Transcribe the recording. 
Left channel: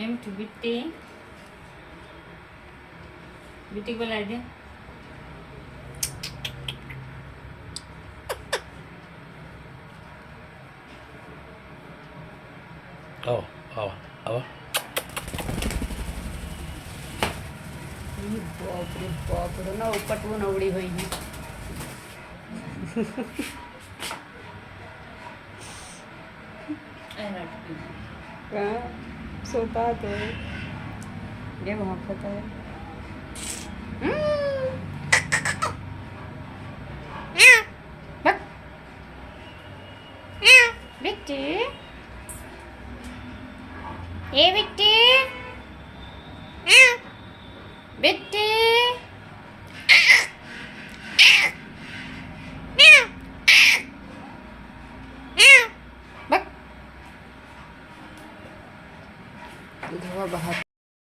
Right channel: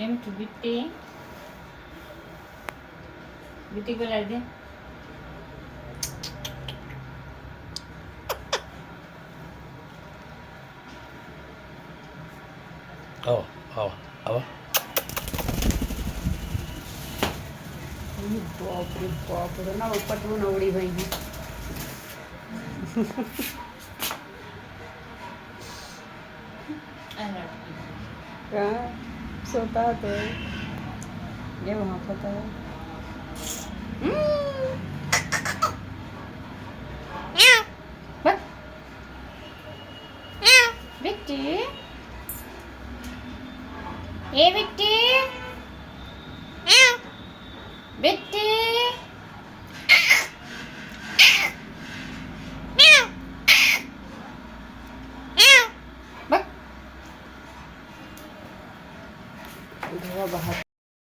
M to बिट्टी बिट्टी बोला दे बाप रे बाप रे ना पटवून अवड़ी हुई है सोता तो ये वहाँ सोता है बिट्टी ये बिट्टी बिट्टी बक बाहर